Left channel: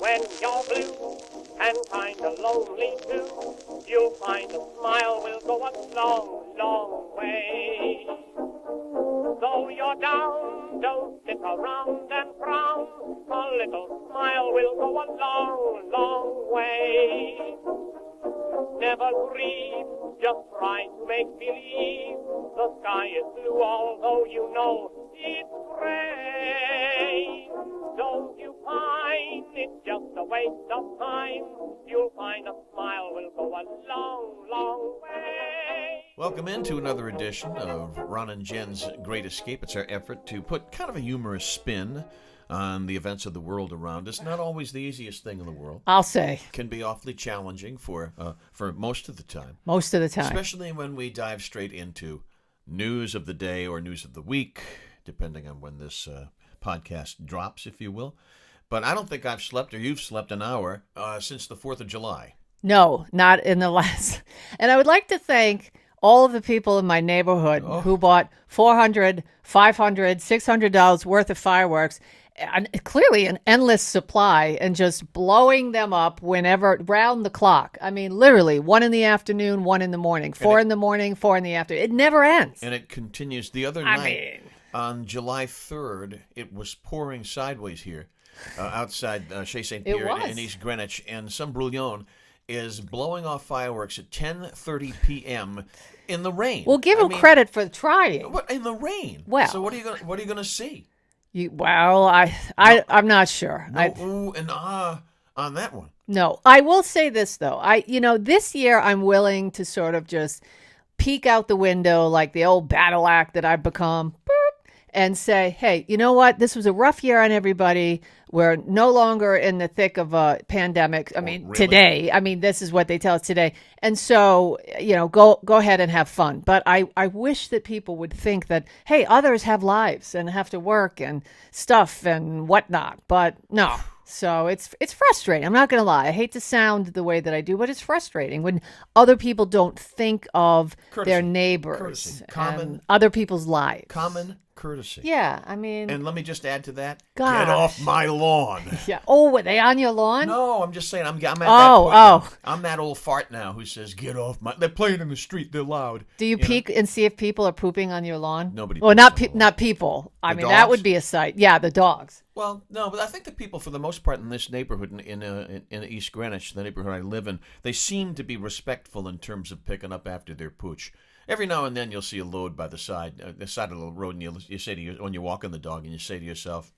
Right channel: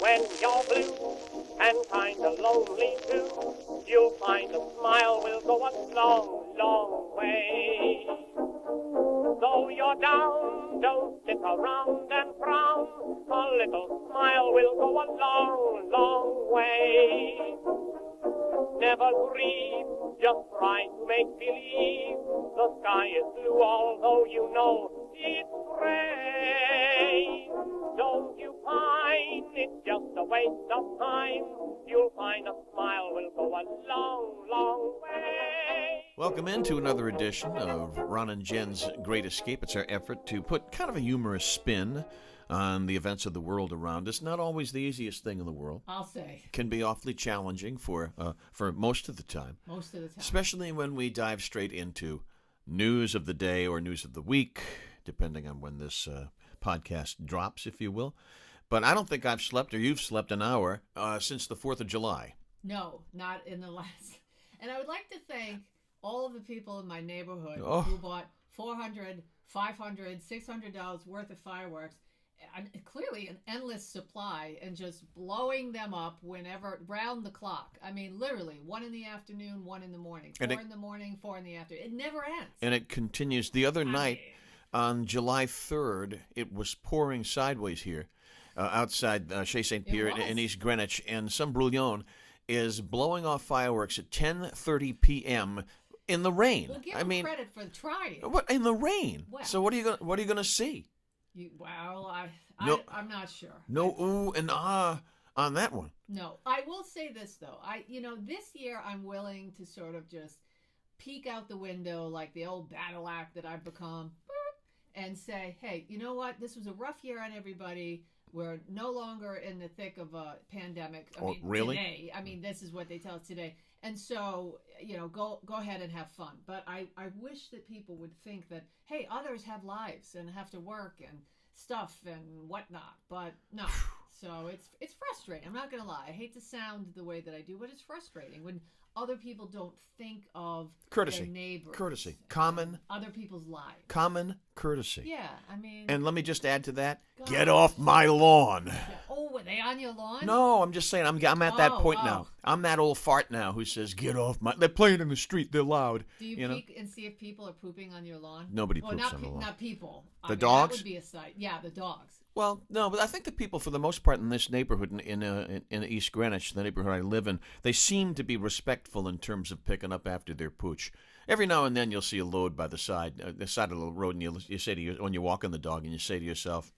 When you're blue and kinda lonely too, you'll find a smile will go a long, long way. Though you're down, don't sit around and frown. A little smile will go a long, long way. Never grieve, just try to make believe the sky is blue, although you know it's gray. Don't you find it's just a waste of time? You'll find a smile will go a long, long way. Welcome into another edition of Ron and Jen's Great Escape. It's our effort to put kind of a humorous spin on the events of the world around us. Not always the easiest thing in the world. I'll say. Can be awfully challenging for most of the time. Most of the time. Especially when we dive straight into news of the day or news of the week, depending on when this podcast drops, if you will. But I don't think I've slept, or you've slept, an hour since the 4th of July. No, not in the last. And I would like to thank all of the people in my neighborhood who bought $400, $500, $600 worth of fireworks. And clearly an endless supply, and just blowing them up whenever, round the clock. I mean, literally 1 in the afternoon, 1 in the morning, 4 in the morning, 4 in the afternoon. It never ends. And it continues. The other night, on July 3rd, it was pouring sideways here outside Chez St. Pierre in East Greenwich, and some brouillon is blowing off fireworks at 10:30 p.m. in the rain. Well, give him credit for trying. What, in the rain? Well, so what are you going to see? I'm not sure. No ooh and ah on that one. No, I will say this though. This year I'm willing to sort of just peek out the window like the old battle act that I've become, and say, hey, you know what? This was a rough year on everybody. We're no longer in the thick of a pandemic. Really? Today. This is what they tell us today. And so, go ahead and have fun. But I wish that people would think that, hey, others have lives and have to work and stuff and whatnot. But no. So it's frustrating. I'm not going to lie. I hate to sound the way that I do, but it's frustrating when other people don't think of their neighbors. Courtesy. Common. Other people's lives. Common courtesy. Yeah, And let me just add to that. Gosh. Get off my lawn. Yeah. Oh, were they on your lawn? No, I'm just saying I'm at that point now. I'm that old fart now who says, get off my... They're playing in the street. They're loud. Do you peek and see if people are pooping on your lawn? Nobody Well, poops not people. Dogs? That would be a sight. Yeah, the dogs. Well, no, but I think the people, for the most part, in this neighborhood, in East Greenwich, the neighborhood I live in, they seem to be respectful in terms of picking up after their pooch. Every now and then you'll see a load by the side of the road, and you say to when you're walking the dog, and you say to yourself,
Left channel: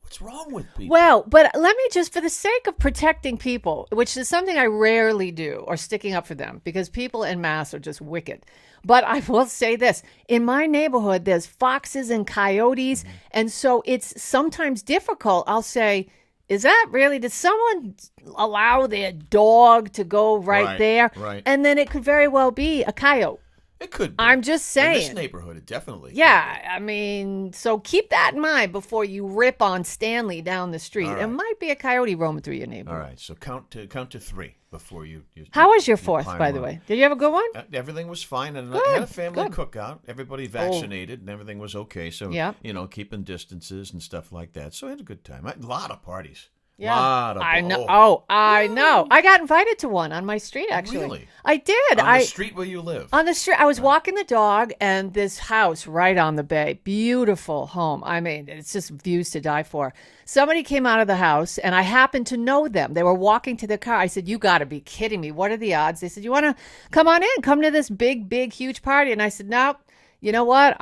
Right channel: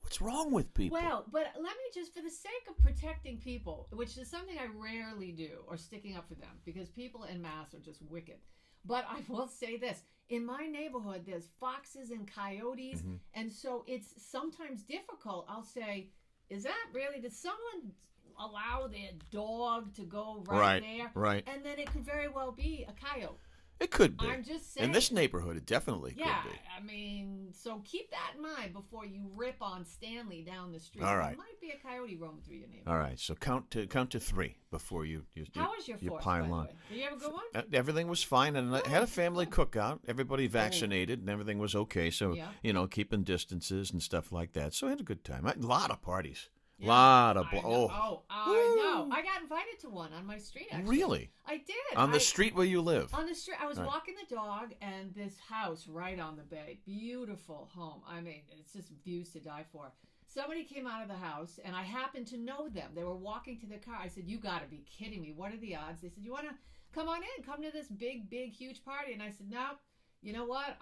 what's wrong with people? Well, but let me just, for the sake of protecting people, which is something I rarely do, or sticking up for them, because people en masse are just wicked. But I will say this. In my neighborhood, there's foxes and coyotes, and so it's sometimes difficult. I'll say, is that really, did someone allow their dog to go right there? Right. And then it could very well be a coyote. It could be. I'm just saying. In this neighborhood, it definitely could be. So keep that in mind before you rip on Stanley down the street. Right. There might be a coyote roaming through your neighborhood. All right, so count to 3 before you How was your 4th, by the way? Did you have a good one? Everything was fine, and I had a family cookout. Everybody vaccinated, and everything was okay. So, keeping distances and stuff like that. So I had a good time. A lot of parties. Yeah. I know. I know. I got invited to one on my street, actually. Really? I did. On the street where you live? On the street. I was walking the dog, and this house right on the bay. Beautiful home. It's just views to die for. Somebody came out of the house, and I happened to know them. They were walking to their car. I said, you got to be kidding me. What are the odds? They said, you want to come on in? Come to this big, huge party. And I said, no. You know what?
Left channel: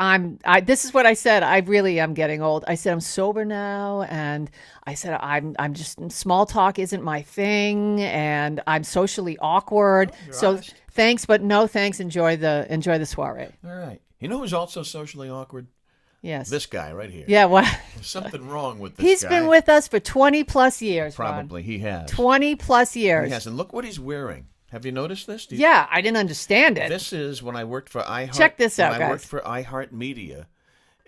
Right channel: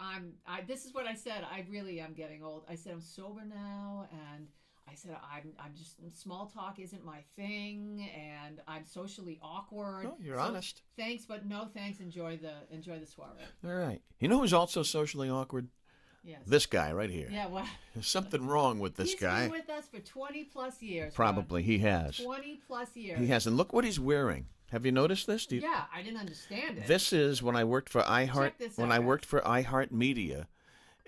This is what I said. I really am getting old. I said, I'm sober now. And I said, I'm just, small talk isn't my thing. And I'm socially awkward. You're honest. Thanks, but no thanks. Enjoy the soiree. All right. You know who's also socially awkward? Yes. This guy right here. Yeah, well. There's something wrong with this He's guy. been with us for 20 plus years. Probably. Ron. He has. 20 plus years. He has. And look what he's wearing. Have you noticed this? Yeah, I didn't understand it. This is when I worked for iHeart. Check this out, When I guys. worked for iHeartMedia,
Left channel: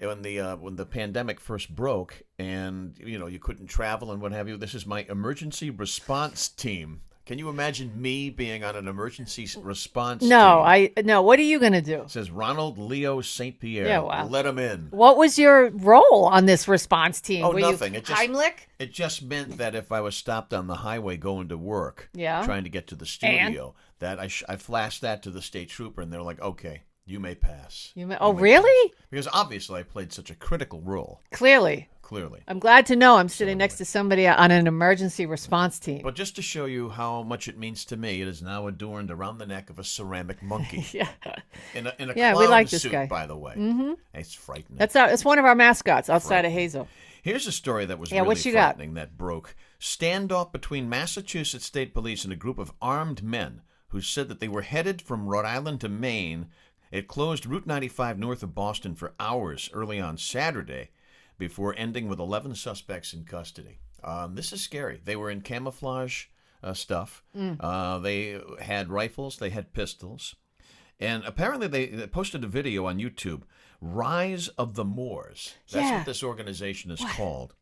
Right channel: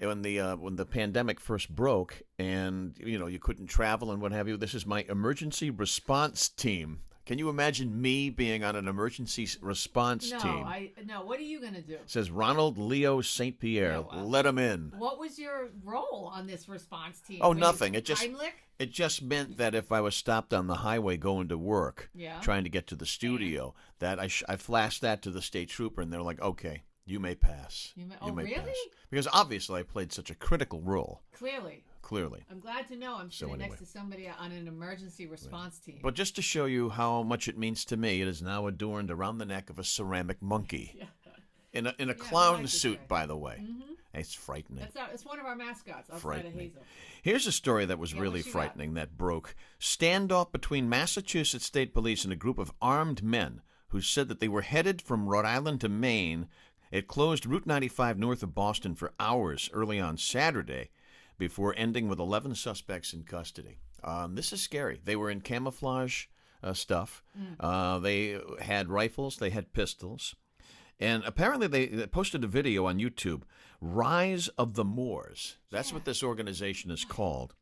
when the pandemic first broke, and you couldn't travel and what have you. This is my emergency response team. Can you imagine me being on an emergency response No, team? no. What are you going to do? It says Ronald Leo St. Pierre. Yeah, wow. Let him in. What was your role on this response team? Oh, Were nothing. You It just Heimlich? It just meant that if I was stopped on the highway going to work, trying to get to the studio, that I flashed that to the state trooper, and they're like, "Okay, you may pass." Oh, really? Pass. Because obviously I played such a critical role. Clearly. Clearly. I'm glad to know I'm sitting anyway. next to somebody on an emergency response team. But just to show you how much it means to me, it is now adorned around the neck of a ceramic monkey. Yeah. In a Yeah, we clown like this suit, guy. by the way. Mm-hmm. It's frightening. It's one of our mascots outside Frightening. of Hazel. Here's a story that was Yeah, really what you got? frightening that broke. Standoff between Massachusetts State Police and a group of armed men who said that they were headed from Rhode Island to Maine. It closed Route 95 north of Boston for hours early on Saturday before ending with 11 suspects in custody. This is scary. They were in camouflage stuff. They had rifles. They had pistols. And apparently they posted a video on YouTube, Rise of the Moors. That's what this organization is called.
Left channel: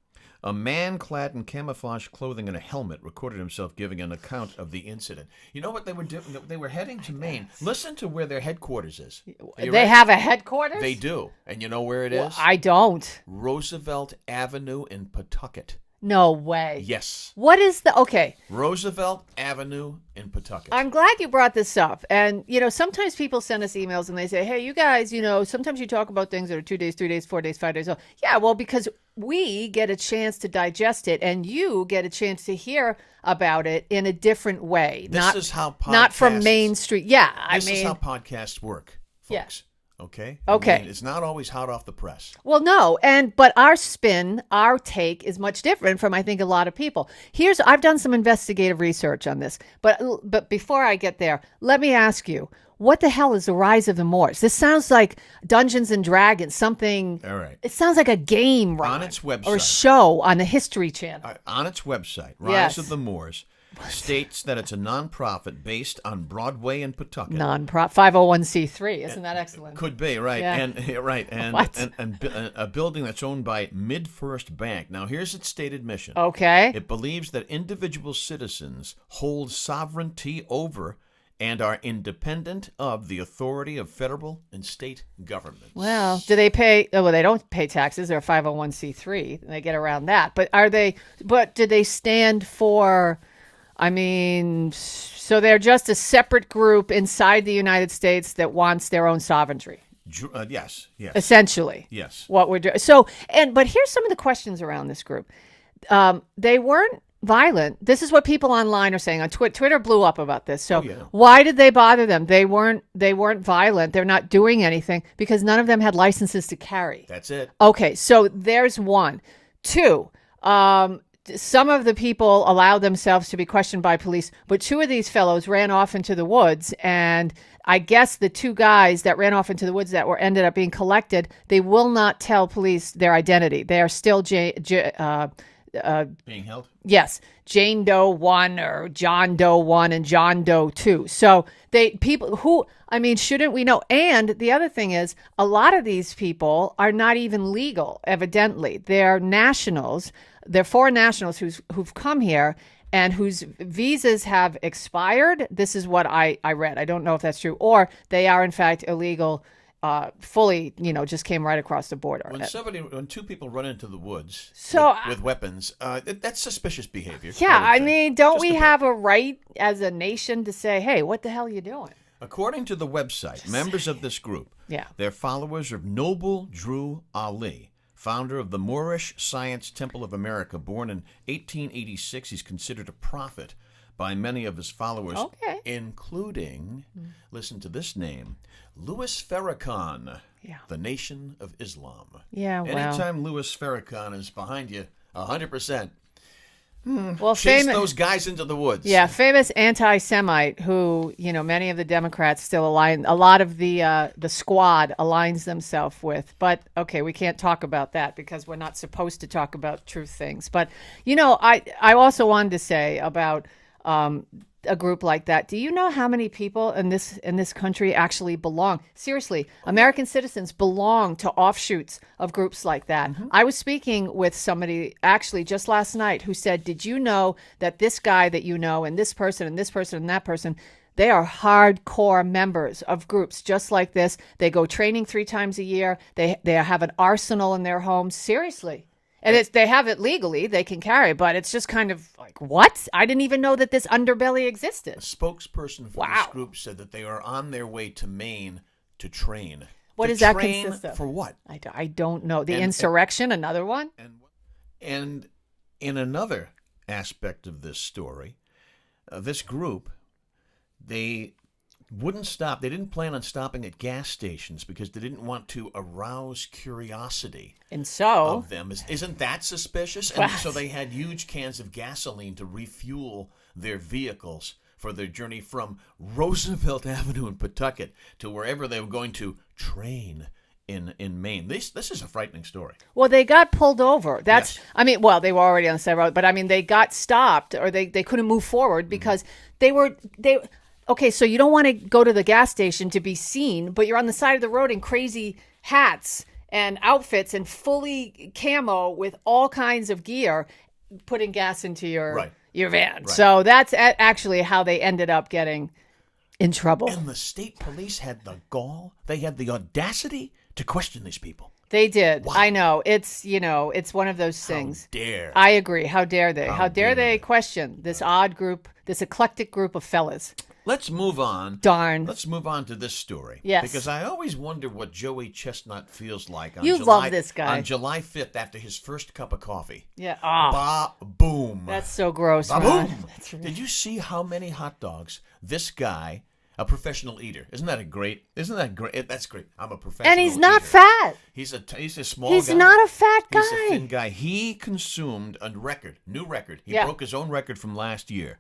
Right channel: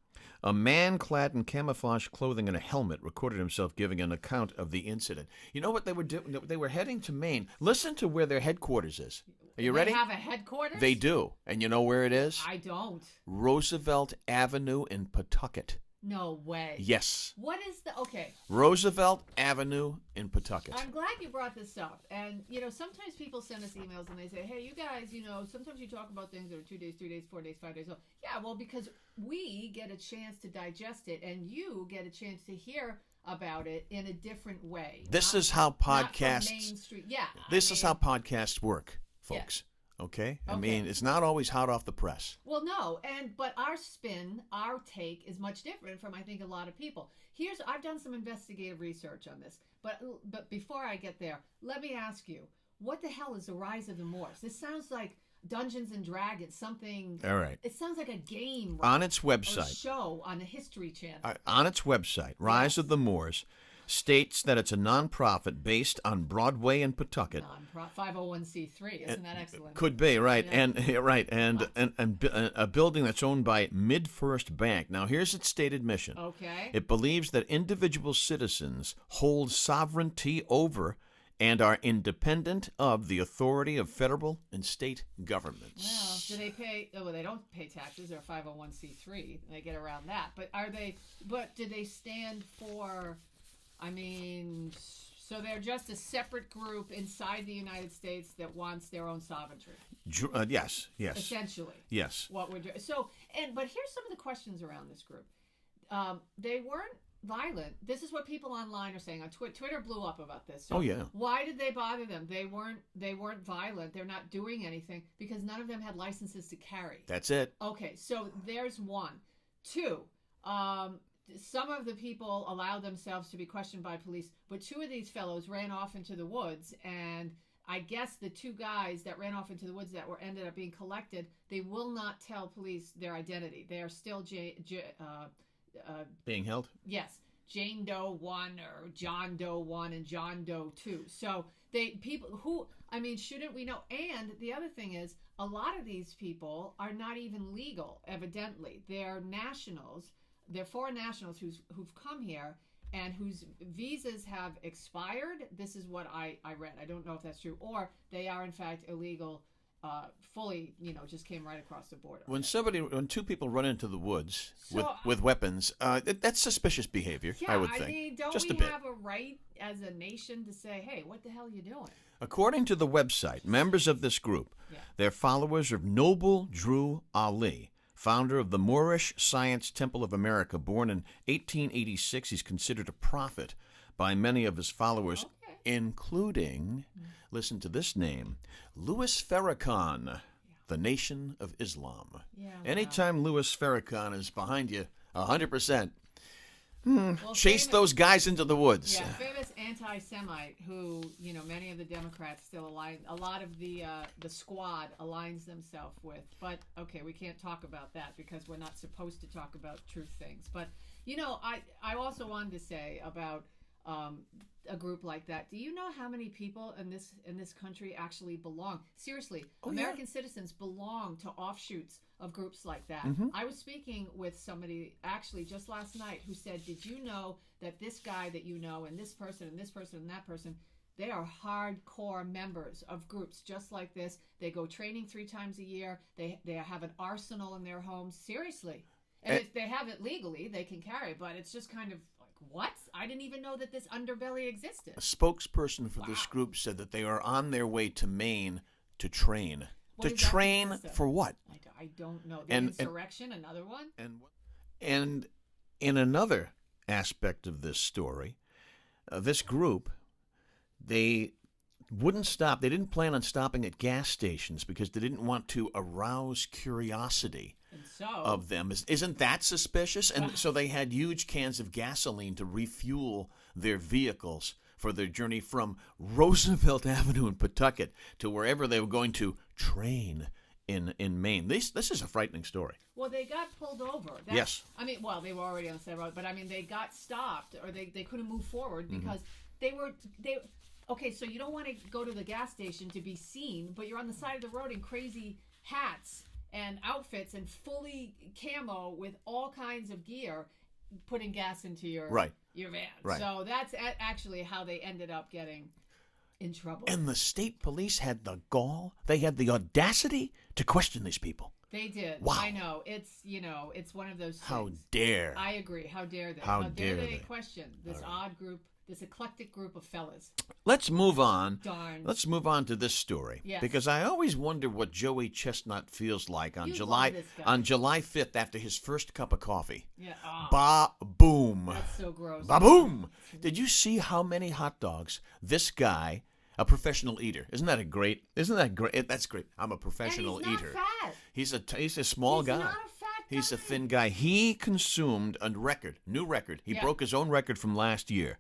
A man clad in camouflage clothing and a helmet recorded himself giving an account of the incident. You know what they were doing? They were heading to Maine. Listen to where their headquarters is. Are you They ready? have a headquarters? They do. And you know where it is? I don't. Roosevelt Avenue in Pawtucket. No way. Yes. What is okay. Roosevelt Avenue in Pawtucket. I'm glad you brought this up. And, sometimes people send us emails and they say, hey, you guys, sometimes you talk about things that are 2 days, 3 days, 4 days, 5 days. Yeah, well, because we get a chance to digest it and you get a chance to hear about it in a different way. This is how podcasts... Not from Main Street. Yeah. This is how podcasts work, folks. Okay? Okay. I mean, it's not always hot off the press. Well, no, but our spin, our take is much different from I think a lot of people. I've done some investigative research on this, but before I get there, let me ask you, what the hell is the Rise of the Moors? This sounds like Dungeons and Dragons, something. All right. It sounds like a game, right? On its website. Or a show on the History Channel. On its website, Rise of the Moors states that it's a nonprofit based on Broadway in Pawtucket. 501c3, isn't that excellent? Could be, right. Yeah. And a building that's owned by MidFirst Bank. Now, here's its stated mission. Okay. It believes that individual citizens hold sovereignty over and are independent of the authority of federal and state governments. Well, do they pay? Well, they don't pay taxes. They're a 501c3. They get around that. But do they stand for... so they're just a separate group inside the United States that wants their own sovereignty. Yes. Essentially. Yes. What we're doing. But here's some of the questions around this group. They weren't violent. This is what people online are saying on Twitter. Twitter blew up about this. So why did they bother them? They weren't violent. They're not doing anything because none of them had licenses to carry. That's it. Okay, so there's one. Two, some of the people allowed themselves to be questioned by police, but two of these fellows ran off into the woods, and I guess the two guys that ran off into the woods that ended up being collected, they will not tell police their identity. They are still being held? Yes, Jane Doe 1 or John Doe 1 and John Doe 2. So shouldn't we know? And the other thing is, a lot of these people are not even legal, evidently. They're nationals. They're foreign nationals who've come here and whose visas have expired. This is what I read. I don't know if that's true. Or they are, in fact, illegal, fully, just came right across the border. When two people run into the woods with weapons, that's suspicious behavior. Yeah, don't we have a right as a nation to say, hey, what the hell are you doing? According to the website, members of this group, they're followers of Noble Drew Ali, founder of the Moorish Science Temple of America. Born in 1886, he's considered a prophet by many of his followers, including, listen to this name, Louis Farrakhan, the Nation of Islam. Yeah, Anytime Louis Farrakhan is behind you, 100%. Well, chase those guys into the woods. Yeah, famous anti-Semite who, many of the Democrats still align. A lot of the squad aligns themselves with. But okay, we can't talk about that because we're not supposed to talk about truth things. But I also wanted to say about a group like that. Do you know how many people in this country actually belong? Seriously, American citizens belong to offshoots of groups like that. I was speaking with somebody actually just last night who said, "Did you know that this guy that you know and this person and this person and that person, they are hardcore members of groups just like this. They go training 3 times a year. They have an arsenal in their homes." Seriously. And they have it legally. They can carry, but it's just kind of like, what? I didn't even know that this underbelly existed. A spokesperson for this group said that they are on their way to Maine to train. What to does that train consist of? For what? I don't know. The insurrection, another one? And in another aspect of this story, this group, they wouldn't stop. They didn't plan on stopping at gas stations because they didn't want to arouse curiosity of them. Isn't that suspicious? And so they had huge cans of gasoline to refuel their vehicles for their journey from Roosevelt Avenue in Pawtucket to wherever they were going to train in Maine. This is a frightening story. Well, they got pulled over. That's Yes. I mean, well, they were already on the side road, but I mean, they got stopped or they couldn't move forward because they okay, so you don't want to go to the gas station to be seen, but you're on the side of the road in crazy hats and outfits and fully camo with all kinds of gear, putting gas into your van. Right. So that's actually how they ended up getting in trouble. And the state police had the gall, they had the audacity to question these people. They did. Wow. I know. It's one of those things. How dare. I agree. How dare they? How dare dare they they? question this odd group, this eclectic group of fellas? Let's move on. Darn. Let's move on to this story. Yes. Because I always wonder what Joey Chestnut feels like on You July love this guy. on July 5th after his first cup of coffee. Yeah. Ba-boom. That's so gross. Ba-boom. Did you see how many hot dogs this guy, a professional eater, isn't that great? That's great. I'm a professional eater. And he's not fat. He's a small He's guy. not a fat guy. He's a thin guy. He consumed a new record. He broke his own record from last year.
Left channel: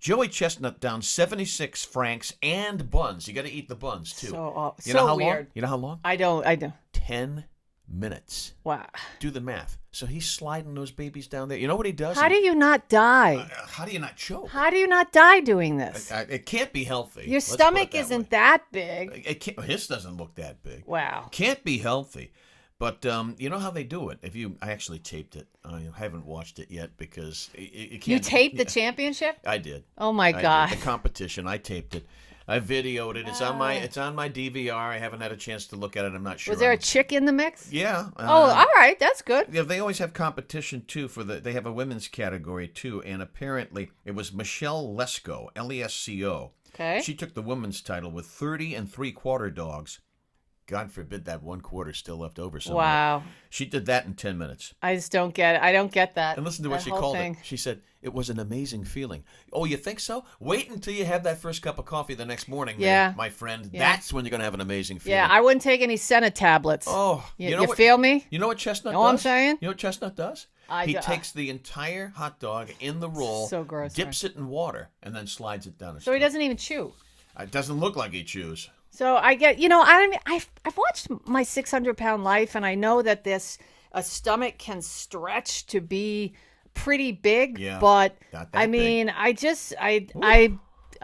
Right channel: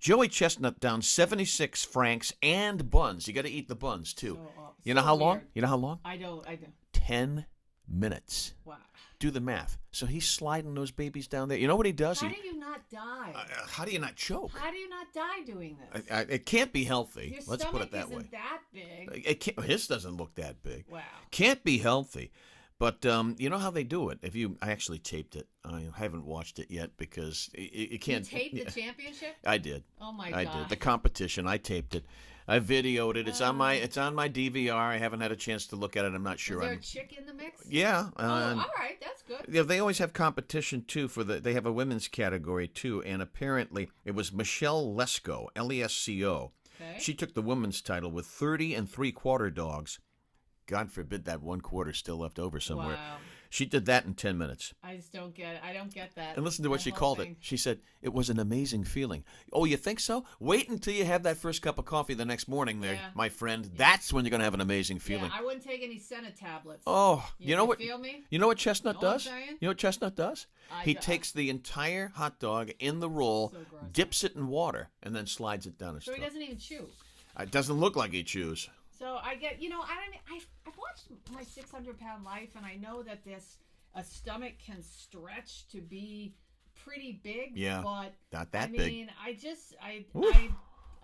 Joey Chestnut down 76 franks and buns. You got to eat the buns too. You know how long? You know how long? I don't. 10 minutes. Wow. Do the math. So he's sliding those babies down there. You know what he does? How do you not die? How do you not choke? How do you not die doing this? It can't be healthy. Your Let's put it stomach that isn't way. that big. It can't, his doesn't look that big. Wow. Can't be healthy. But you know how they do it. I actually taped it. I haven't watched it yet because it can't. You taped the championship? I did. Oh my I God. did. The competition. I taped it. I videoed it. It's on my DVR. I haven't had a chance to look at it. I'm not sure. Was there a chick in the mix? Yeah. All right. That's good. Yeah, they always have competition too they have a women's category too, and apparently it was Michelle Lesko, Lesco. Okay. She took the women's title with 30 3/4 dogs. God forbid that 1/4 still left over somewhere. Wow. She did that in 10 minutes. I just don't get it. I don't get that. And listen to what she called it. She said, it was an amazing feeling. Oh, you think so? Wait until you have that first cup of coffee the next morning, there, my friend. Yeah. That's when you're going to have an amazing feeling. Yeah, I wouldn't take any Senna tablets. Oh, you know what? Feel me? You know what Chestnut does? Know what I'm saying? You know what Chestnut does? He takes the entire hot dog in the roll, so gross, dips it in water, and then slides it down his So he throat. doesn't even chew. It doesn't look like he chews. So I get, I've watched My 600-Pound Life, and I know that a stomach can stretch to be pretty big. Yeah, but not that big.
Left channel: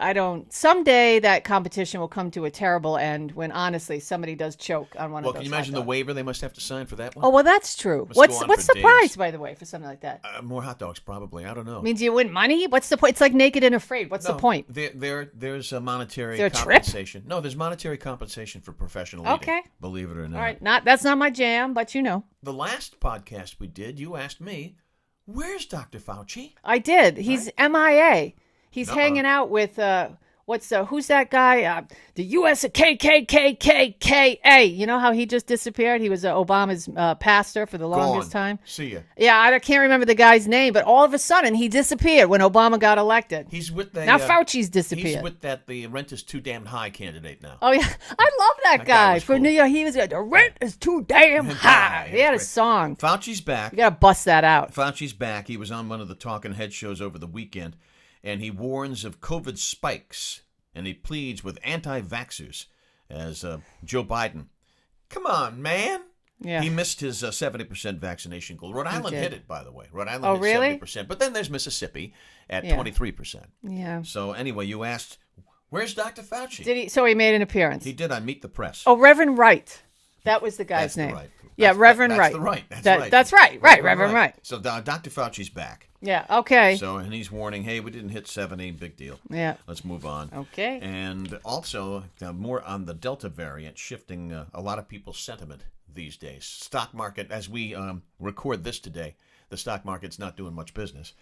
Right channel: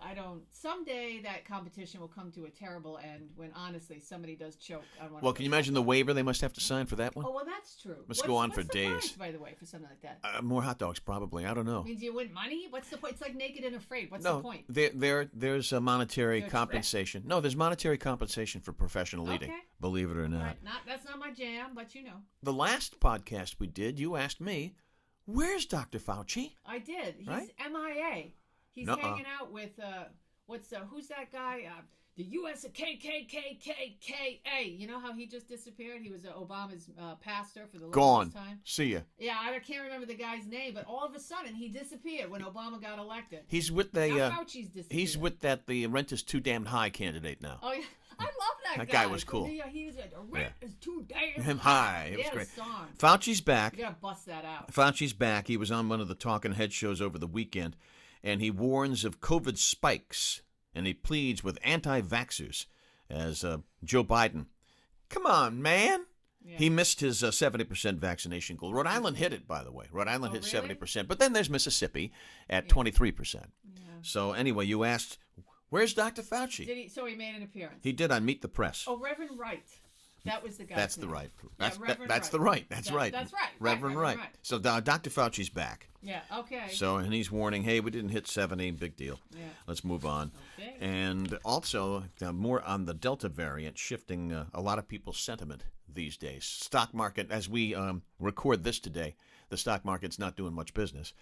I don't. Someday that competition will come to a terrible end when honestly somebody does choke on one. Well, of those can you imagine the waiver they must have to sign for that one? Oh well, that's true. Must go on What's for the days. prize, by the way, for something like that? More hot dogs, probably. I don't know. I mean, do you win money? What's the point? It's like Naked and Afraid. What's the point? There's a monetary Is there a compensation. No, there's monetary compensation for professional eating. Okay. Believe it or not. All right, that's not my jam, but you know. The last podcast we did, you asked me, "Where's Dr. Fauci?" I did. He's MIA. He's hanging out with who's that guy? The U.S. KKKKKA. You know how he just disappeared? He was Obama's pastor for the longest time. See ya. Yeah, I can't remember the guy's name, but all of a sudden he disappeared when Obama got elected. He's with the now Fauci's disappeared. He's with the rent is too damn high candidate now. Oh yeah, I love that guy was for cool. New York. He was the rent is too damn high. He had a great. song. Fauci's back. You gotta bust that out. Fauci's back. He was on one of the Talking Head shows over the weekend, and he warns of COVID spikes, and he pleads with anti-vaxxers as Joe Biden. Come on, man. Yeah. He missed his 70% vaccination goal. Rhode Island did. hit it, by the way. Rhode Island Oh, hit really? 70%. But then there's Mississippi at Yeah. 23%. Yeah. So anyway, you asked, where's Dr. Fauci? So he made an appearance. He did on Meet the Press. Oh, Reverend Wright. That was the guy's That's name. the right. Yeah, Reverend That's Wright. the right. That's right. That's right. Right, Reverend Wright. So Dr. Fauci's back. Yeah, okay. So, and he's warning, hey, we didn't hit 70, big deal. Yeah. Let's move on. Okay. And also, more on the Delta variant, shifting a lot of people's sentiment these days. Stock market, as we record this today, the stock market's not doing much business.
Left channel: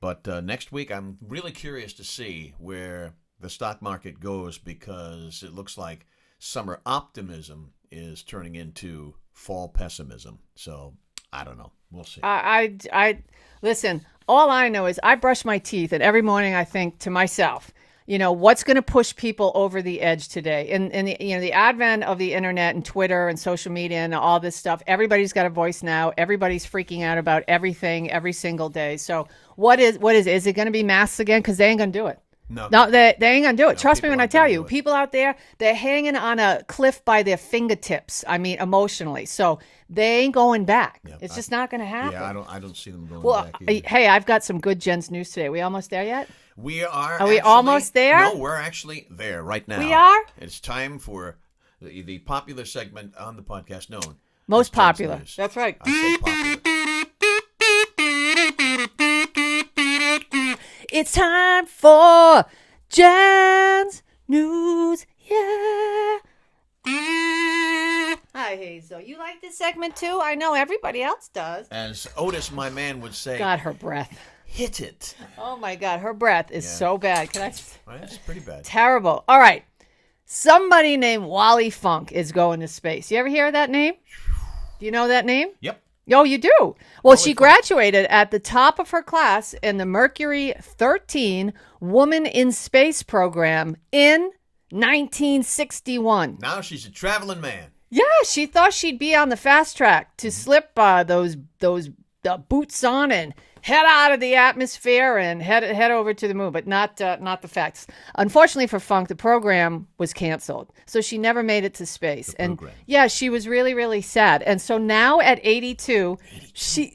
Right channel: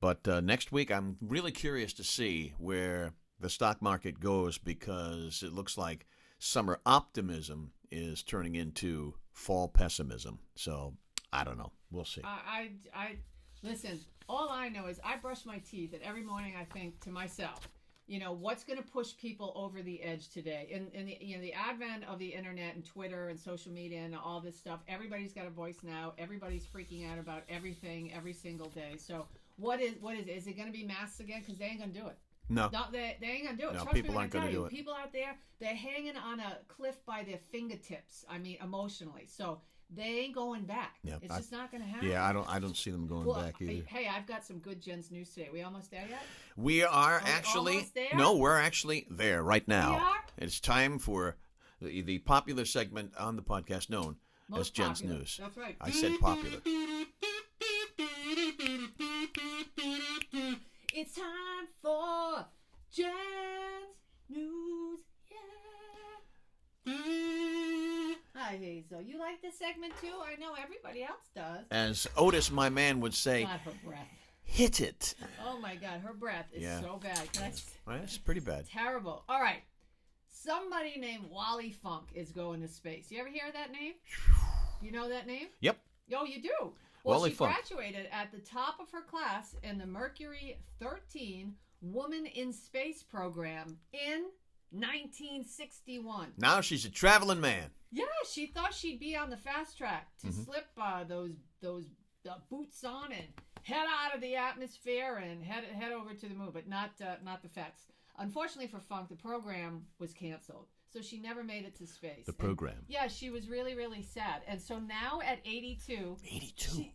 But next week, I'm really curious to see where the stock market goes, because it looks like summer optimism is turning into fall pessimism. So I don't know. We'll see. I listen. All I know is I brush my teeth, and every morning I think to myself, what's going to push people over the edge today? And the advent of the internet and Twitter and social media and all this stuff, everybody's got a voice now. Everybody's freaking out about everything every single day. So what is it going to be masks again? Because they ain't going to do it. No, they ain't gonna do it. No, Trust me people when I aren't tell gonna you, do it. people out there, they're hanging on a cliff by their fingertips. I mean, emotionally. So they ain't going back. Yeah, it's just not gonna happen. Yeah, I don't see them going Well, back either. hey, I've got some good Jen's news today. We almost there yet? We are. Are we almost there? No, we're actually there right now. We are? It's time for the popular segment on the podcast known Most as Jen's popular. News. That's right. I said popular. It's time for Jen's news. Yeah. Hi, Hazel. You like this segment too? I know everybody else does. As Otis, my man, would say, God, her breath. hit it. Oh my God, her breath is Yeah. so bad. Well, that's pretty bad. Terrible. All right. Somebody named Wally Funk is going to space. You ever hear of that name? Do you know that name? Yep. Oh, you do? Well, Wally she Funk. graduated at the top of her class in the Mercury 13 Woman in Space program in 1961. Now she's a traveling man. Yeah, she thought she'd be on the fast track to slip those boots on and head out of the atmosphere and head over to the moon, but not the facts. Unfortunately for Funk, the program was canceled, so she never made it to space. The program. And yeah, she was really, really sad. And so now at 82,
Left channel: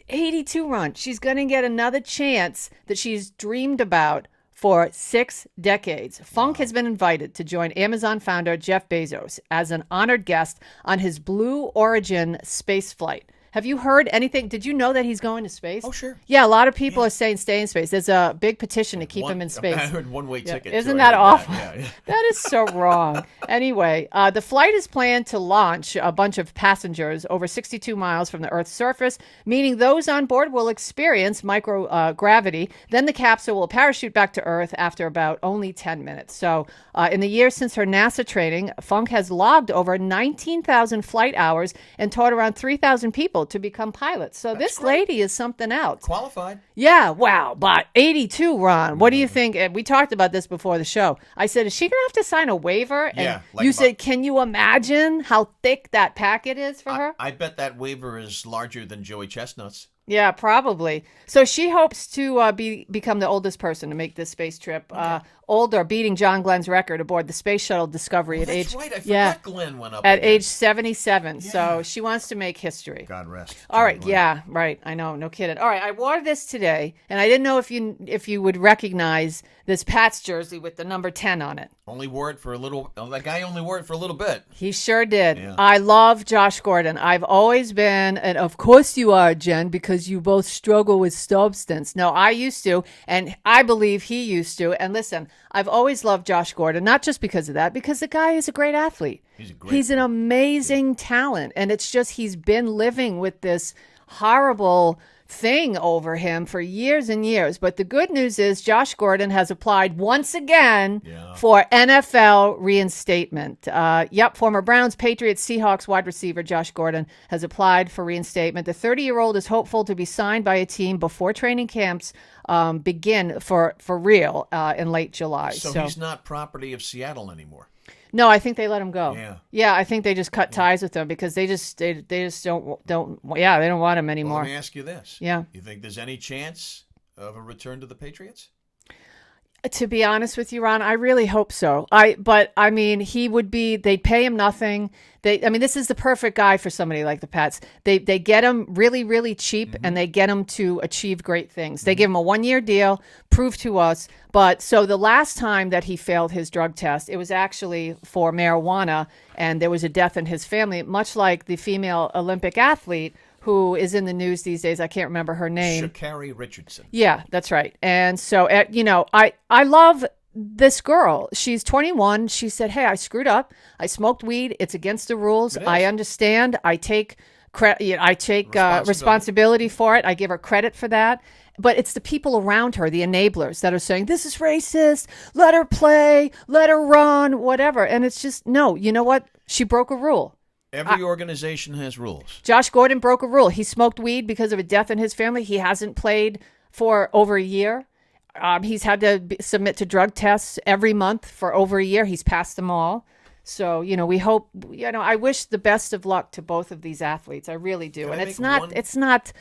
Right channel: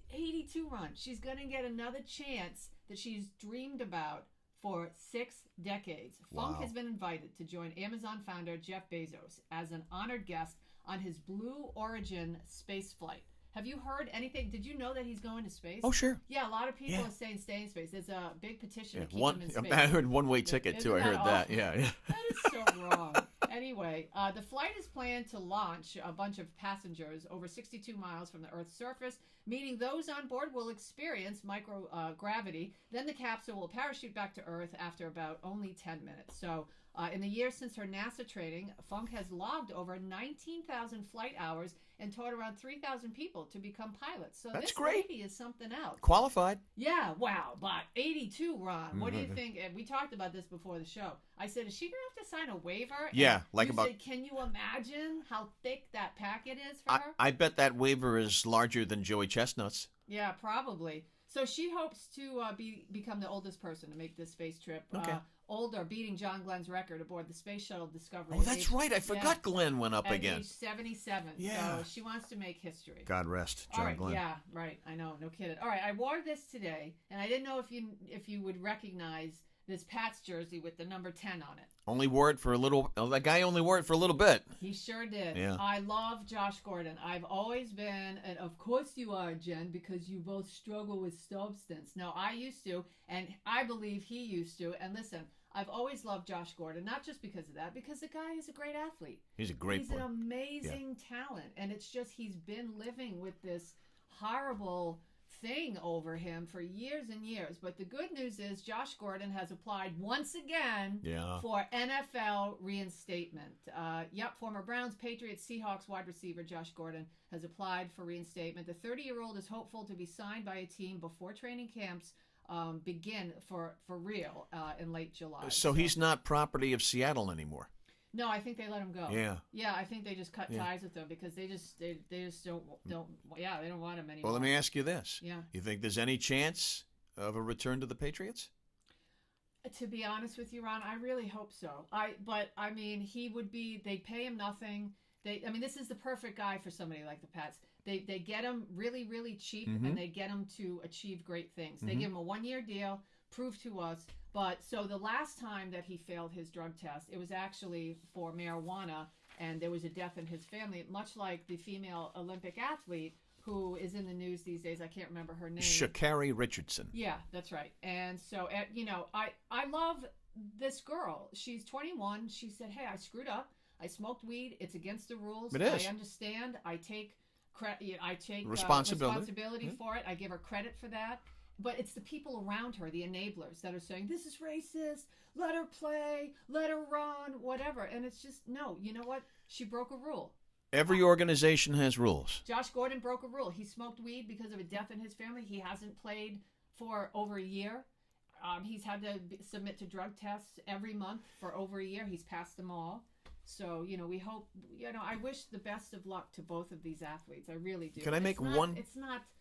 82, Ron, she's going to get another chance that she's dreamed about for 6 decades. Funk has been invited to join Amazon founder Jeff Bezos as an honored guest on his Blue Origin space flight. Have you heard anything? Did you know that he's going to space? Oh, sure. Yeah, a lot of people are saying stay in space. There's a big petition to keep him in space. I heard one-way ticket. Isn't too. that I heard awful? Yeah. That is so wrong. Anyway, the flight is planned to launch a bunch of passengers over 62 miles from the Earth's surface, meaning those on board will experience microgravity. Then the capsule will parachute back to Earth after about only 10 minutes. So in the years since her NASA training, Funk has logged over 19,000 flight hours and taught around 3,000 people to become pilots. So this great. lady is something else. Qualified. Yeah, wow. But 82, Ron, what do you think? And we talked about this before the show. I said, is she going to have to sign a waiver? And Yeah, like you about- said, can you imagine how thick that packet is for her? I bet that waiver is larger than Joey Chestnut's. Yeah, probably. So she hopes to become the oldest person to make this space trip. Older, beating John Glenn's record aboard the Space Shuttle Discovery Oh, at that's age right. I forgot Glenn went up at again. age 77. So Yeah. she wants to make history. God rest. All John right, Glenn. yeah, right. I know, no kidding. All right, I wore this today, and I didn't know if you would recognize this Pats jersey with the number 10 on it. Only wore it for a little. Oh, that guy only wore it for a little bit. He sure did. Yeah. I love Josh Gordon. I've always been, and of course you are, Jen, because you both struggle with substance. No, I used to, and I believe he used to. And listen, I've always loved Josh Gordon, not just because of that, because the guy is a great athlete. He's an amazing talent, and it's just he's been living with this horrible thing over him for years and years. But the good news is Josh Gordon has applied once again for NFL reinstatement. Former Browns, Patriots, Seahawks wide receiver Josh Gordon has applied for reinstatement. The 30-year-old is hopeful to be signed by a team before training camps begin for real in late July. So he's not property of Seattle anymore. No, I think they let him go. Yeah. I think they just cut ties with him because they just don't they don't want him anymore. Well, let me ask you this. Yeah. You think there's any chance of a return to the Patriots? To be honest with you, Ron, I really hope so. But I mean, he would be. They'd pay him nothing. I mean, this is the perfect guy for somebody like the Pats. They get him really, really cheap, and they get him to achieve great things. They give him a 1-year deal, prove to us. But so the last time that he failed his drug test, it was actually for marijuana, and there was a death in his family, much like the female Olympic athlete who is in the news these days. I can't remember her name. Sha'carri Richardson. Yeah, that's right. And so, I love this girl. She's 21. She said, "Hey, I screwed up. I smoked weed. It's against the rules. It is. I understand. I take responsibility for it. I give her credit for that." But it's the people around her, the enablers, that are saying, "This is racist. Let her play. Let her run. Whatever." And it's just, no, you know what? She broke a rule. Every organization has rules. Josh Gordon broke a rule. He smoked weed because of a death in his family. He hasn't played for over a year. He's had to submit to drug tests every month for over a year. He's passed them all. So, we hope, I wish the best of luck to both of these athletes. I really do. Can I And make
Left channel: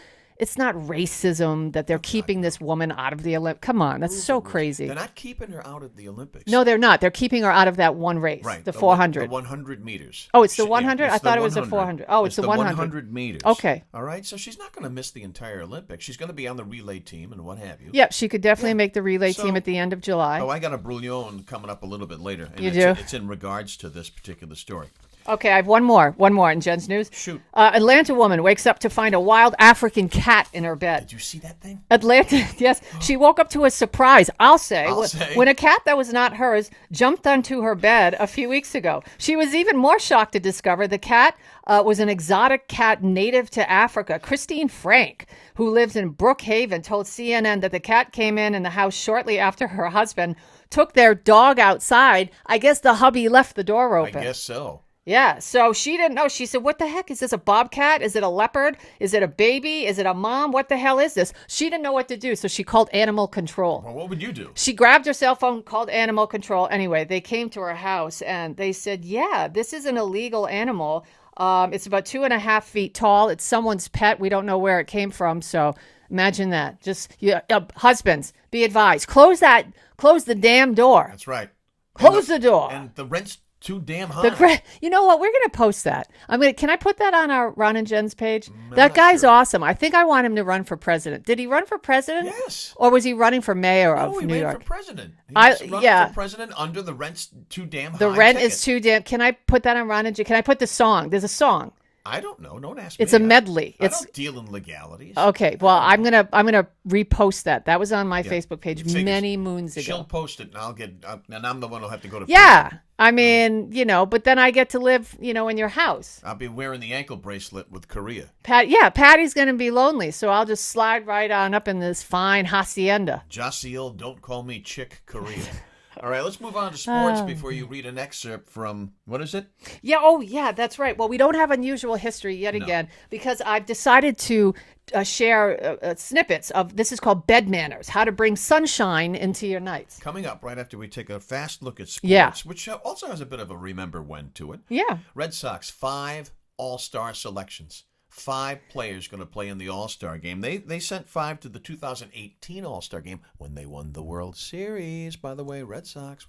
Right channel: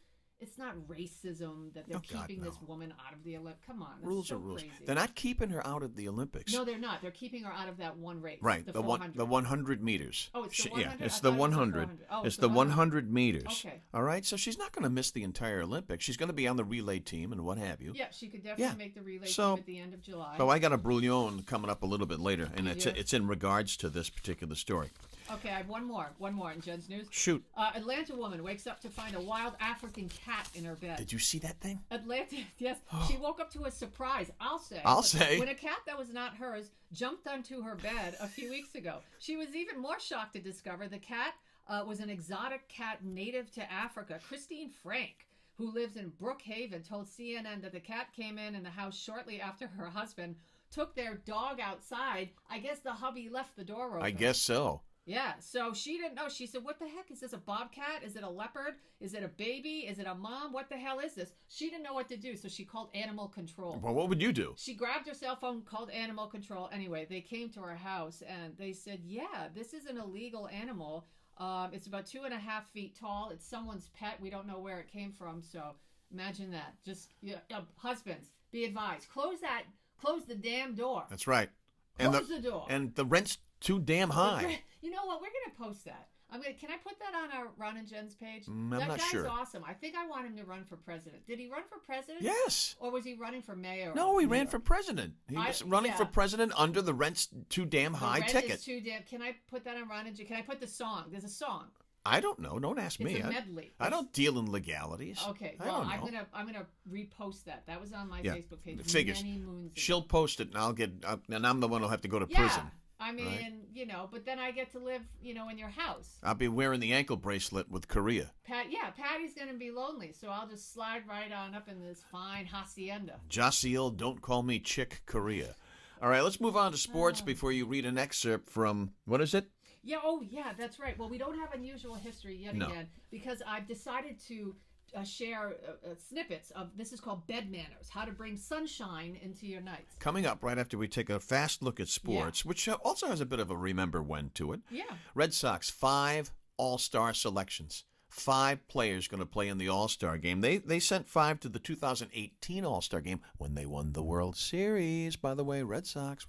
it's not racism that they're keeping this woman out of the Olympics. Come on, that's so crazy. They're not keeping her out of the Olympics. No, they're not. They're keeping her out of that one race, Right. the 400. The 100 meters. Oh, it's the 100? Yeah, I thought it was the 100. 400. Oh, it's the 100 meters. Okay. All right. So she's not going to miss the entire Olympics. She's going to be on the relay team and what have you. Yep, she could definitely make the relay So- team at the end of July. Oh, I got a brouillon coming up a little bit later, and You do? it's in regards to this particular story. Okay, I have one more in Jen's news. Shoot. Atlanta woman wakes up to find a wild African cat in her bed. Did you see that thing? Atlanta, yes. She woke up to a surprise, I'll say, say. when a cat that was not hers jumped onto her bed a few weeks ago. She was even more shocked to discover the cat was an exotic cat native to Africa. Christine Frank, who lives in Brookhaven, told CNN that the cat came in the house shortly after her husband took their dog outside. I guess the hubby left the door open. I guess so. Yeah, so she didn't know. She said, "What the heck? Is this a bobcat? Is it a leopard? Is it a baby? Is it a mom? What the hell is this?" She didn't know what to do, so she called animal control. Well, what would you do? She grabbed her cell phone, called animal control. Anyway, they came to her house, and they said, "Yeah, this is an illegal animal. It's about 2.5 feet tall. It's someone's pet. We don't know where it came from, so imagine that. Just, husbands, be advised. Close the damn door. That's right. Close the door. And the rent's too damn high. You know what? We're going to post that. Can I put that on our Ron and Jen's page? I'm That not guy's sure. awesome. I think I want him to run for president. Did he run for president? Yes. Or was he running for mayor No, of he New ran York? for president. He's running yeah. for president under the rent's too damn high. The rent ticket. is too damn. Can I put that on Ron and Jen? Can I put the song? There's a song. I don't know. Don't ask me. It's a medley. I don't deal in legalities. Okay. Well, I I'm don't know. gonna repost that. That was on my Yeah. Facebook page Figures. many moons ago. She'll post it, and and I'm the one who'll have to go to Yeah. prison. I mean, but then I get to live, in your house. I'll be wearing the ankle bracelet with Korea. Patty's going to be lonely, so I'll just slide right on up in this fine hacienda. Jasiel, don't call me Chick Korea. All right, let's move on to sports before you read an excerpt from, what is it? Yeah, oh, yeah, that's right. Well, we don't have unusual history yet again because I've decided to share snippets of, this is called Bed Manners, how to bring sunshine into your nights. Coming up right after we take a fast look at sports, which also has a bit of a remember when to it. Yeah. Red Sox, 5 all-star selections. 5 players going to play in the All-Star game. They sent 5 to the 2018 All-Star game when they won the World Series. By the way, Red Sox.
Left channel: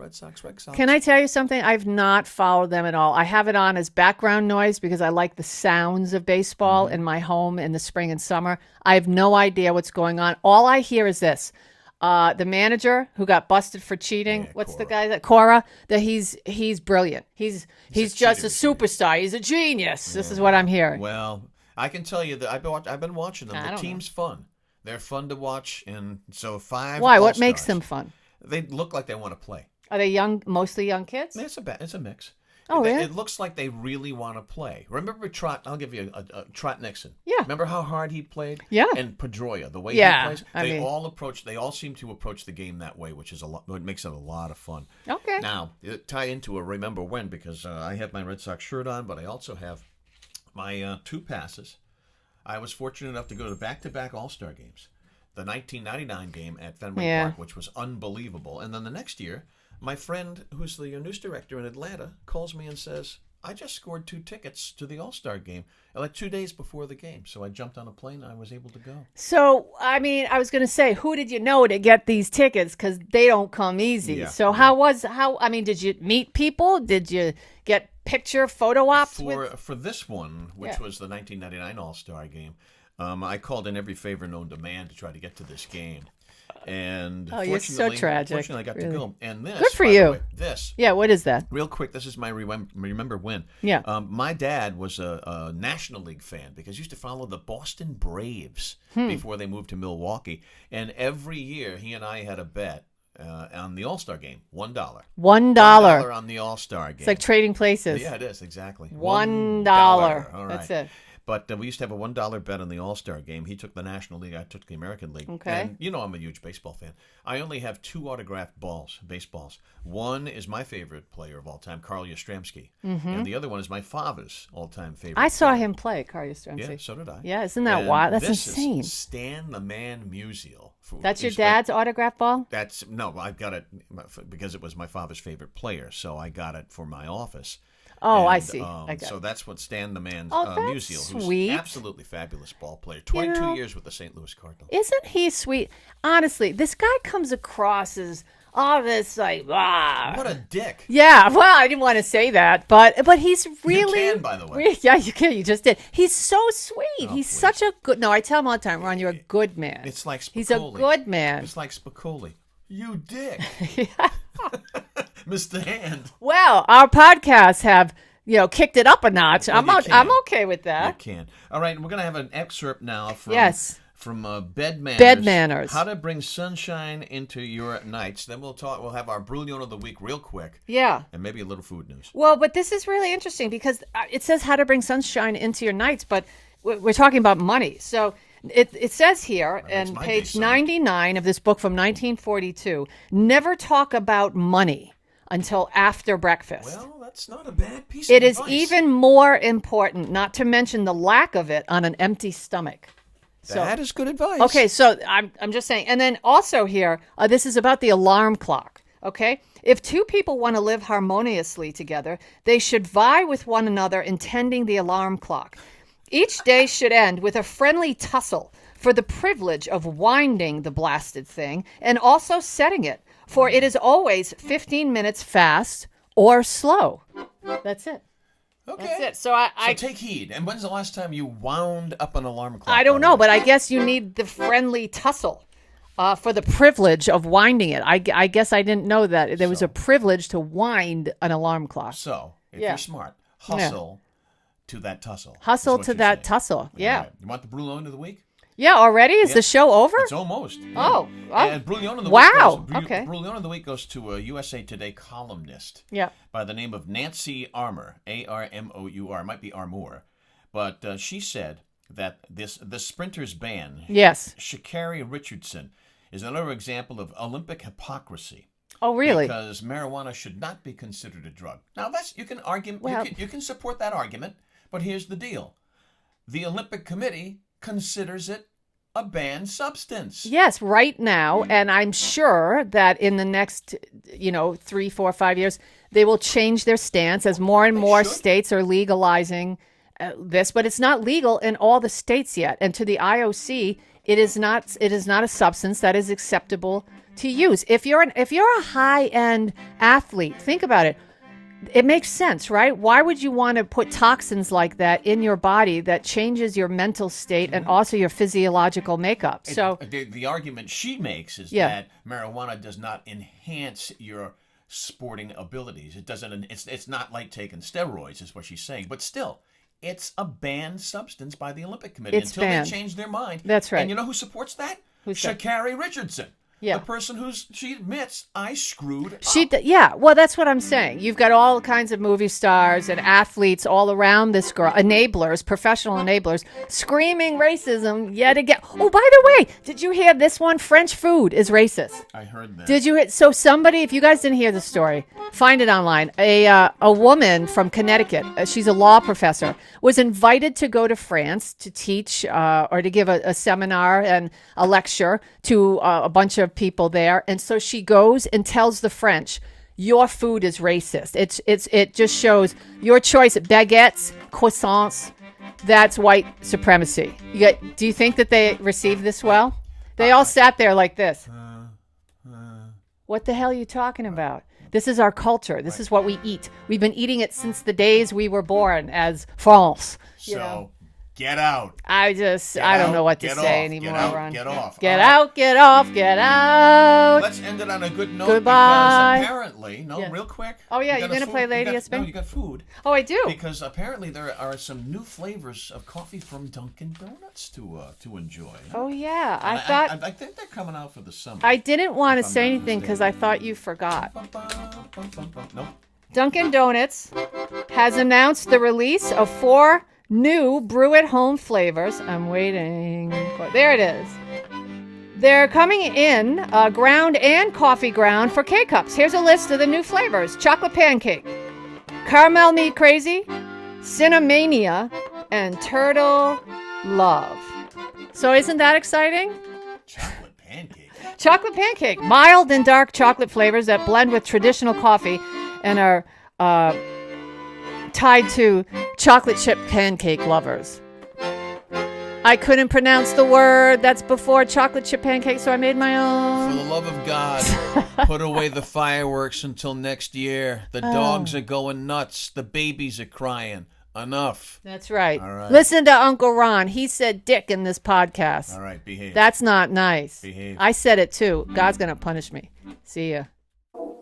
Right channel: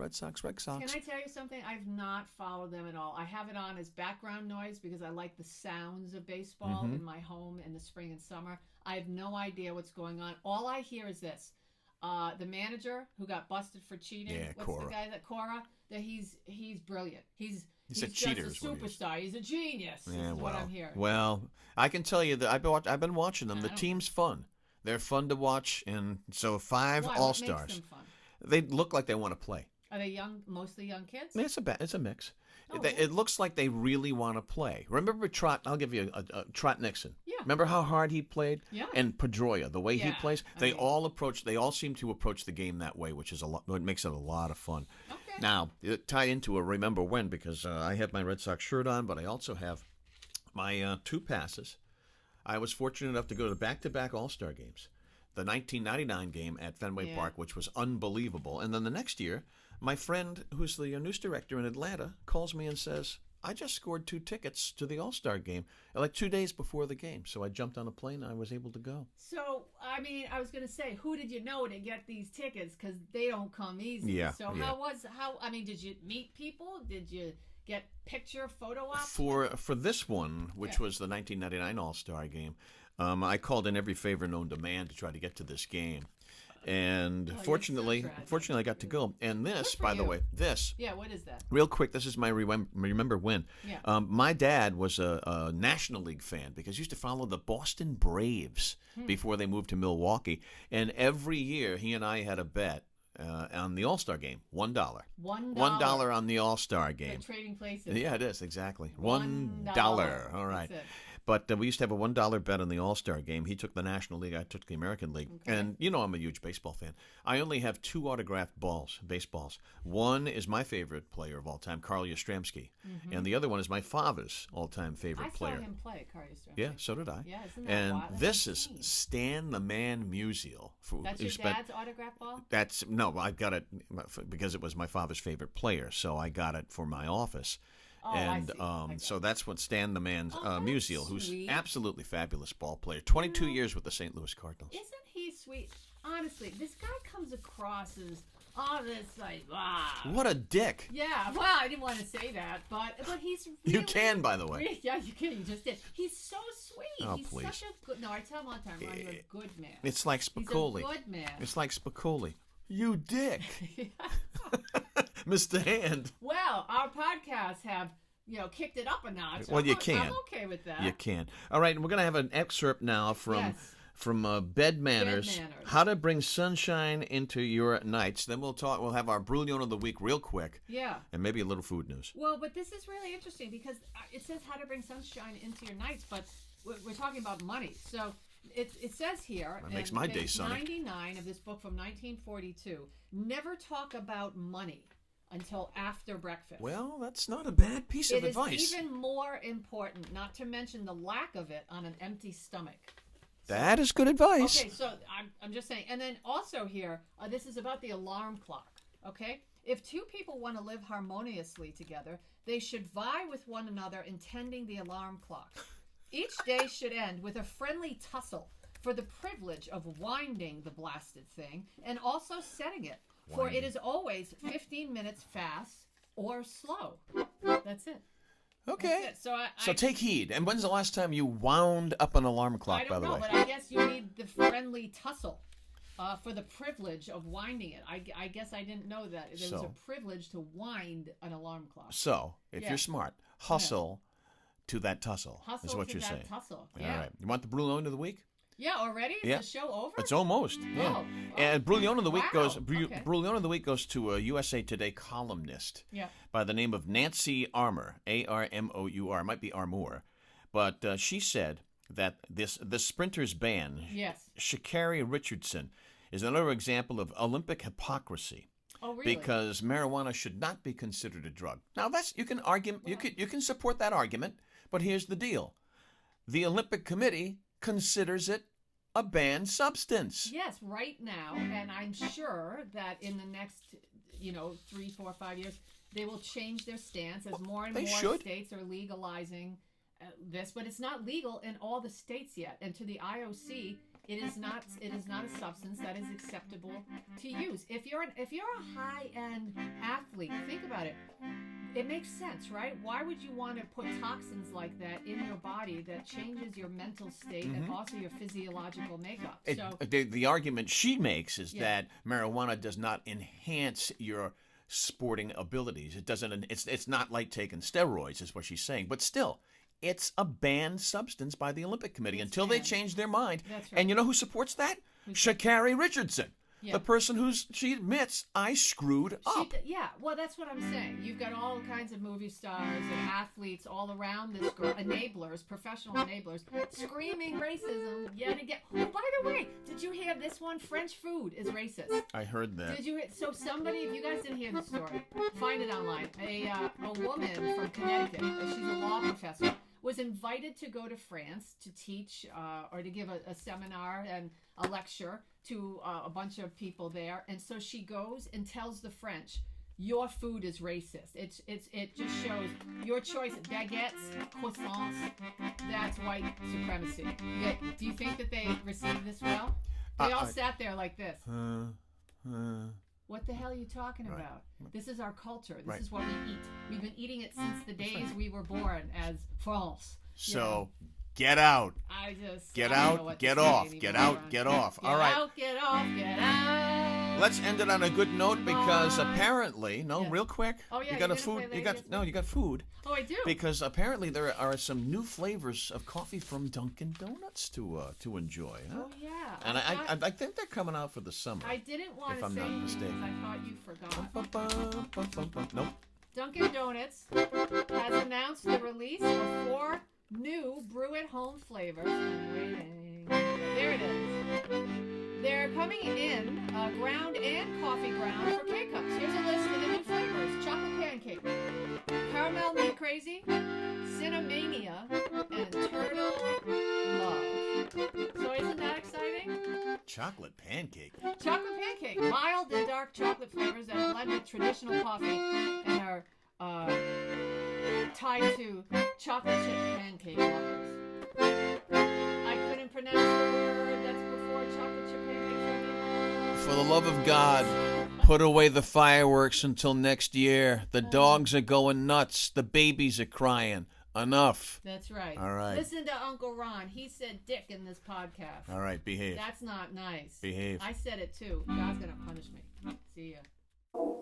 Can I tell you something? I've not followed them at all. I have it on as background noise because I like the sounds of baseball in my home in the spring and summer. I have no idea what's going on. All I hear is this. The manager who got busted for cheating. What's the guy that Cora? That he's brilliant. He's just a superstar. He's a genius. This is what I'm hearing. Well, I can tell you that I've been watching them. The team's fun. They're fun to watch, and so 5 Why? What All-Stars. makes them fun? They look like they want to play. Are they young? Mostly young kids? It's a mix. Oh, yeah? It looks like they really want to play. Remember Trot? I'll give you a Trot Nixon. Yeah. Remember how hard he played? Yeah. And Pedroia, the way Yeah, he plays. I They mean- all seem to approach the game that way, which is what makes it a lot of fun. Okay. Now, tie into a remember when because I have my Red Sox shirt on, but I also have my 2 passes. I was fortunate enough to go to back-to-back All-Star games. The 1999 game at Fenway Park, which was unbelievable. And then the next year, my friend, who's the news director in Atlanta, calls me and says, I just scored 2 tickets to the All-Star game, like 2 days before the game. So I jumped on a plane and I was able to go. So, I mean, I was going to say, who did you know to get these tickets? Because they don't come easy. Yeah, So I mean, did you meet people? Did you get photo ops? For this one, which was the 1999 All-Star game, I called in every favor known to man to try to get to this game. And fortunately, I got to go. And this, good for by you. the way, this. Yeah, what is that? Real quick, this is my remember when. Yeah. My dad was a National League fan because he used to follow the Boston Braves before they moved to Milwaukee. And every year, he and I had a bet on the All-Star game, $1. $1 on the All-Star game. It's like trading places. Yeah, it is, exactly. $1. All right. That's it. But we used to have a $1 bet on the All-Star game. He took the National League. I took the American League. Okay. And you know I'm a huge baseball fan. I only have 2 autographed baseballs. One is my favorite player of all time, Carl Yastrzemski. And the other one is my father's all-time favorite I saw player. him play, Carl Yastrzemski. Yeah, so did I. Yeah, isn't that And wild? That's this insane. is Stan the Man Musial. That's your dad's autograph ball? No, I got it because it was my father's favorite player, so I got it for my office. Oh, I And, see. So that's what Stan the Man's that's Musial, who's sweet. absolutely fabulous ball player. 22 know, years with the St. Louis Cardinals. Isn't he sweet? Honestly, this guy comes across as all this like, What a dick. Yeah, well, I didn't want to say that, but he's really. You can, by the way. Yeah, you can. You just did. He's so sweet. Oh, He's please. such a good. No, I tell him all the time, Ron, you're a good man. It's like Spicoli. He's a good man. It's like Spicoli. You dick. Mr. Hand. Well, our podcasts have kicked it up a notch. Well, I'm okay with that. You can. All right, we're going to have an excerpt now from Bed Manners. Bed Manners. How to bring sunshine into your nights. Then we'll have our Brouillon of the week real quick. Yeah. And maybe a little food news. Well, but this is really interesting because it says how to bring sunshine into your nights, but we're talking about money. So it says here on page 99 of this book from 1942, never talk about money until after breakfast. Well, that's not a bad piece of advice. It is even more important, not to mention the lack of it on an empty stomach. That is good advice. Okay, so I'm just saying. And then also here, this is about the alarm clock, okay? If 2 people want to live harmoniously together, they should vie with one another in tending the alarm clock. Each day should end with a friendly tussle for the privilege of winding the blasted thing and also setting it, for it is always 15 minutes fast or slow. That's it. Okay. That's it. So So take heed. And when's the last time you wound up an alarm clock? I don't know, but I guess you need the friendly tussle for the privilege of winding it. I guess I didn't know that there was a privilege to wind an alarm clock. So, if you're smart, hustle to that tussle. Hustle to that tussle. Yeah. Right. You want the Brouillon of the week? Yeah, already? Is the show over? It's almost. Oh. And Brouillon of the week goes to a USA Today columnist by the name of Nancy Armour, Armour. It might be Armour. But she said that the sprinter's ban, sha'carri Richardson, is another example of Olympic hypocrisy. Oh, really? Because marijuana should not be considered a drug. Now, you can argue, you can support that argument, but here's the deal. The Olympic Committee considers it a banned substance. Yes, right now, and I'm sure that in the next, 3, 4, 5 years, they will change their stance as more and more states are legalizing this, but it's not legal in all the states yet. And to the IOC, it is not a substance that is acceptable to use. If you're a high-end athlete, think about it. It makes sense, right? Why would you want to put toxins like that in your body that changes your mental state and also your physiological makeup? So the argument she makes is that marijuana does not enhance your sporting abilities. It doesn't. It's not like taking steroids, is what she's saying. But still, it's a banned substance by the Olympic Committee until they change their mind. That's right. And you know who supports that? sha'carri Richardson. Yeah. The person she admits, I screwed up. Well, that's what I'm saying. You've got all kinds of movie stars and athletes all around this girl, enablers, professional enablers, screaming racism yet again. Oh, by the way, did you hear this one? French food is racist. I heard that. Did you? So somebody, if you guys didn't hear the story, find it online. A woman from Connecticut, she's a law professor, was invited to go to France to teach or to give a seminar and a lecture to a bunch of people there. And so she goes and tells the French, your food is racist. It just shows your choice at baguettes, croissants. That's white supremacy. Do you think that they received this well? They all sat there like this. What the hell are you talking about? This is our culture. This is what we eat. We've been eating it since the days we were born as France. So get out. I don't know what to say anymore. Get off. Get out, get off, get out. Let's end it on a good note. Goodbye. Because apparently, real quick. Oh, yeah, you're going to play Lady of Spain? No, you got food. Oh, I do. Because apparently there are some new flavors of coffee from Dunkin' Donuts to enjoy. Oh, yeah. I think they're coming out for the summer. I didn't want to say anything because I thought you forgot. Nope. Dunkin' Donuts has announced the release of 4 new brew-at-home flavors. I'm waiting. There it is. They're coming in ground and coffee ground for K-Cups. Here's a list of the new flavors. Chocolate pancake, caramel me crazy, cinnamania, and turtle love. So isn't that exciting? Chocolate pancake. Chocolate pancake. Mild and dark chocolate flavors that blend with traditional coffee and are tied to chocolate chip pancake lovers. I couldn't pronounce the word that's before chocolate chip pancake, so I made my own. For the love of God, put away the fireworks until next year. The dogs are going nuts. The babies are crying. Enough. That's right. All right. Listen to Uncle Ron. He said dick in this podcast. All right, behave. That's not nice. Behave. I said it too. God's going to punish me. See ya.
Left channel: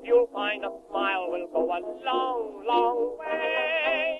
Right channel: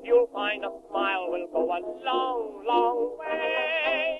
You'll find a smile will go a long, long way.